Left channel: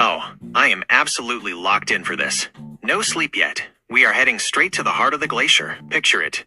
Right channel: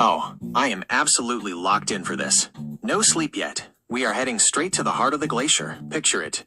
Oh, I am absolutely locked in for this. No sleep yet. We are heading straight to the heart of the glacier. Picture it.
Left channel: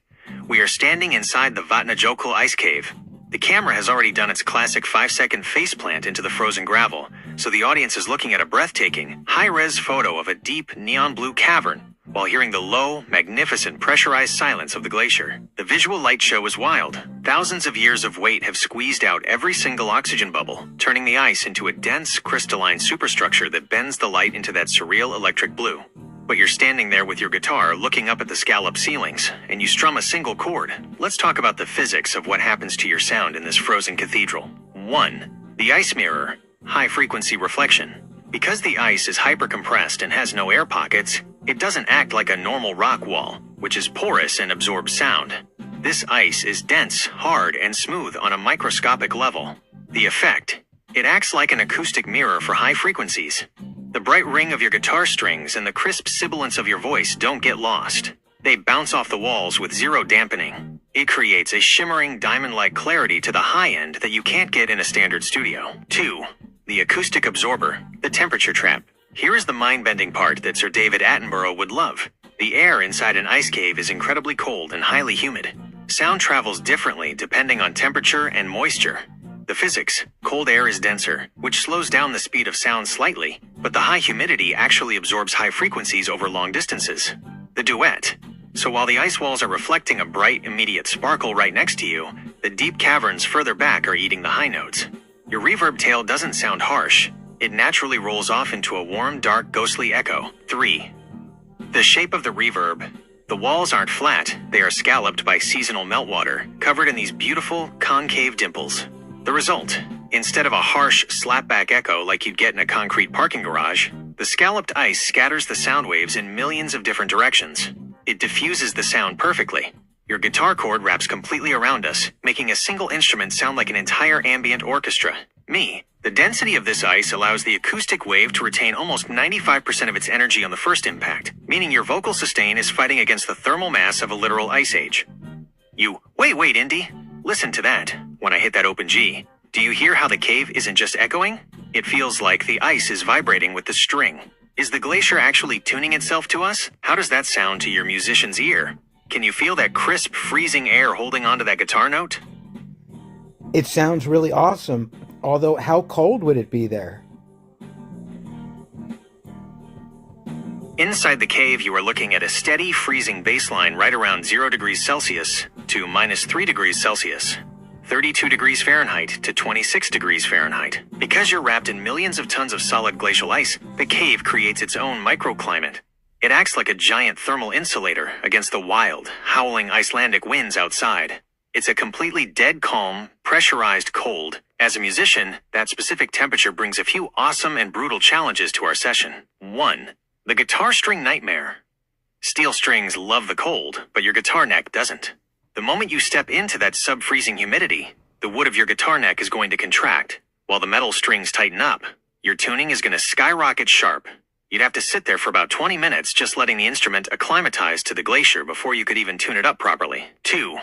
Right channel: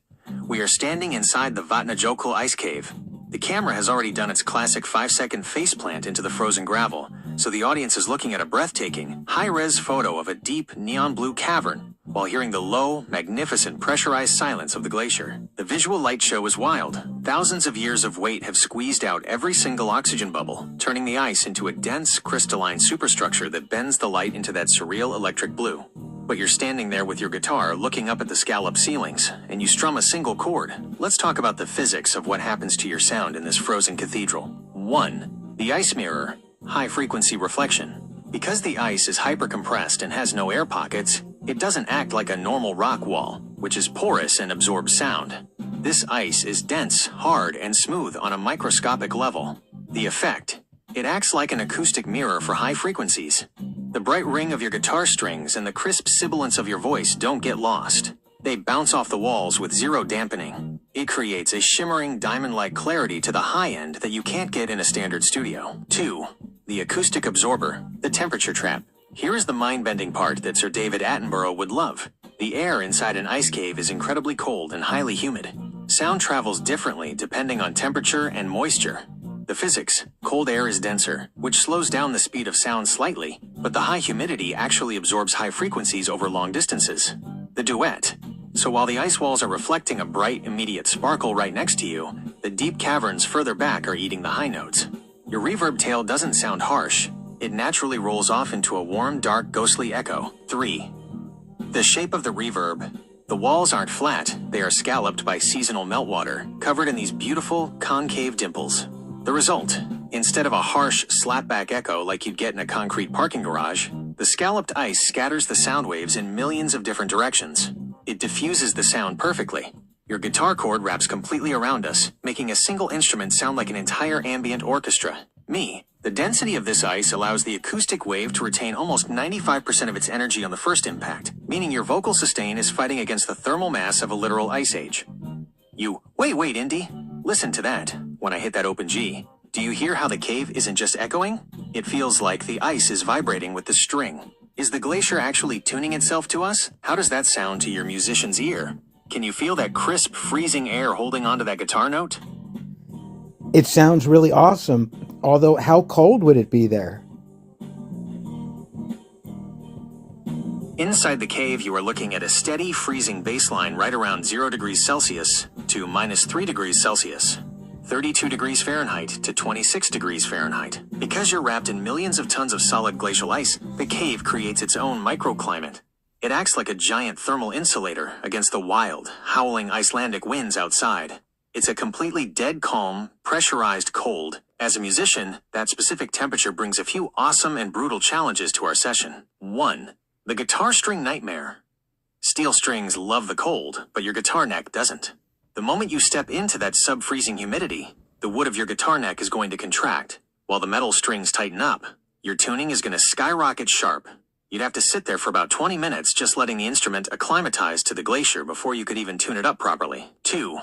We are standing inside the Vatnajökull ice cave. The camera has already done its classic 5-second faceplant into the frozen gravel, so the audience is looking at a breathtaking, high-res photo of a deep, neon blue cavern, while hearing the low, magnificent, pressurized silence of the glacier. The visual light show is wild. Thousands of years of weight have squeezed out every single oxygen bubble, turning the ice into a dense, crystalline superstructure that bends the light into that surreal electric blue. But you're standing there with your guitar looking up at the scalloped ceilings, and you strum a single chord. Let's talk about the physics of what happens to your sound in this frozen cathedral. 1. The ice mirror. High-frequency reflection. Because the ice is hyper-compressed and has no air pockets, it doesn't act like a normal rock wall, which is porous and absorbs sound. This ice is dense, hard, and smooth on a microscopic level. The effect: it acts like an acoustic mirror for high frequencies. The bright ring of your guitar strings and the crisp sibilance of your voice don't get lost. They bounce off the walls with zero dampening. It creates a shimmering diamond-like clarity to the high end that you can't get in a standard studio. 2. The acoustic absorber, the temperature trap. Here is the mind-bending part that Sir David Attenborough would love. The air inside an ice cave is incredibly cold and highly humid. Sound travels differently depending on temperature and moisture. The physics: cold air is denser, which slows down the speed of sound slightly, but the high humidity actually absorbs high frequencies over long distances. The duet: so while the ice walls are reflecting a bright, immediate sparkle right next to you, the deep caverns further back are eating the high notes. Your reverb tail doesn't sound harsh. It naturally rolls off into a warm, dark, ghostly echo. 3. The shape of the reverb. The walls aren't flat, they are scalloped by seasonal meltwater, covered in these beautiful, concave dimples. The result: instead of a harsh, slapback echo like you'd get in a concrete parking garage, the scalloped ice scatters the sound waves in millions of different directions. It diffuses the sound perfectly. Your guitar cord wraps completely around us, making a single instrument sound like an entire ambient orchestra. The density of this ice allows the acoustic wave to retain almost 95% of its energy on the first impact, meaning your vocal sustain is fighting against the thermal mass of a literal ice age. Wait, Indy. Listen to that. When I hit that open G, do you hear how the cave isn't just echoing? It feels like the ice is vibrating with the string. Is the glacier actually tuning itself to us? How does that sound to your musician's ear? Can you feel that crisp, freezing air holding onto that guitar note? It sounds really awesome, although how cold would it be there? Inside the cave, you are looking at a steady, freezing baseline right around 0 degrees Celsius to -3 degrees Celsius, 32 degrees Fahrenheit to 26 degrees Fahrenheit. Because you're wrapped in millions of tons of solid glacial ice, the cave creates its own microclimate. It acts like a giant thermal insulator against the wild, howling Icelandic winds outside. It's a completely dead calm, pressurized cold. As a musician, that specific temperature brings a few awesome and brutal challenges to our session. 1. The guitar string nightmare. Steel strings love the cold, but your guitar neck doesn't. The moment you step into that sub-freezing humidity, the wood of your guitar neck is going to contract. While the metal strings tighten up, your tuning is going to skyrocket sharp. You'd have to sit there for about 20 minutes just letting the instrument acclimatize to the glacier before you could even tune it up properly. 2.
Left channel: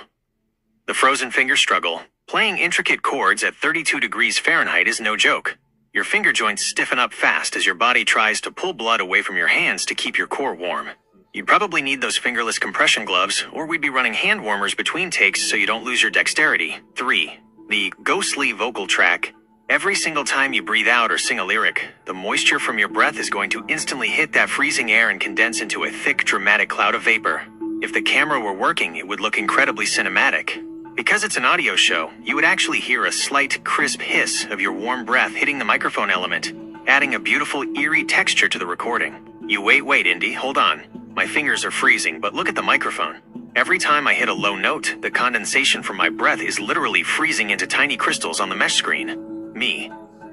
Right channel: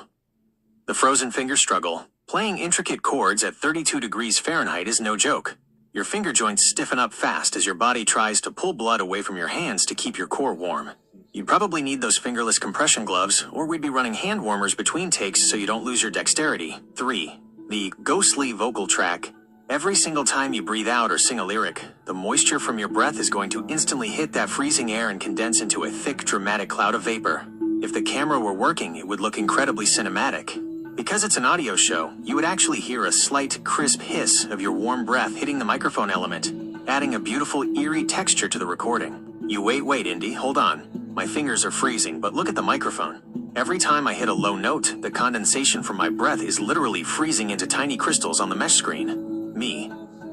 The frozen finger struggle. Playing intricate chords at 32 degrees Fahrenheit is no joke. Your finger joints stiffen up fast as your body tries to pull blood away from your hands to keep your core warm. You'd probably need those fingerless compression gloves, or we'd be running hand warmers between takes so you don't lose your dexterity. 3. The ghostly vocal track. Every single time you breathe out or sing a lyric, the moisture from your breath is going to instantly hit that freezing air and condense into a thick, dramatic cloud of vapor. If the camera were working, it would look incredibly cinematic. Because it's an audio show, you would actually hear a slight, crisp hiss of your warm breath hitting the microphone element, adding a beautiful, eerie texture to the recording. Wait, Indy, hold on. My fingers are freezing, but look at the microphone. Every time I hit a low note, the condensation from my breath is literally freezing into tiny crystals on the mesh screen.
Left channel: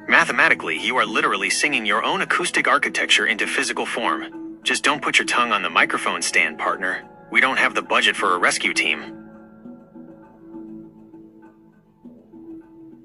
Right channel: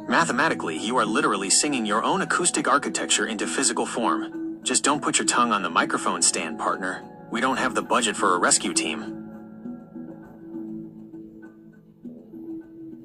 Mathematically, you are literally singing your own acoustic architecture into physical form. Just don't put your tongue on the microphone stand, partner. We don't have the budget for a rescue team.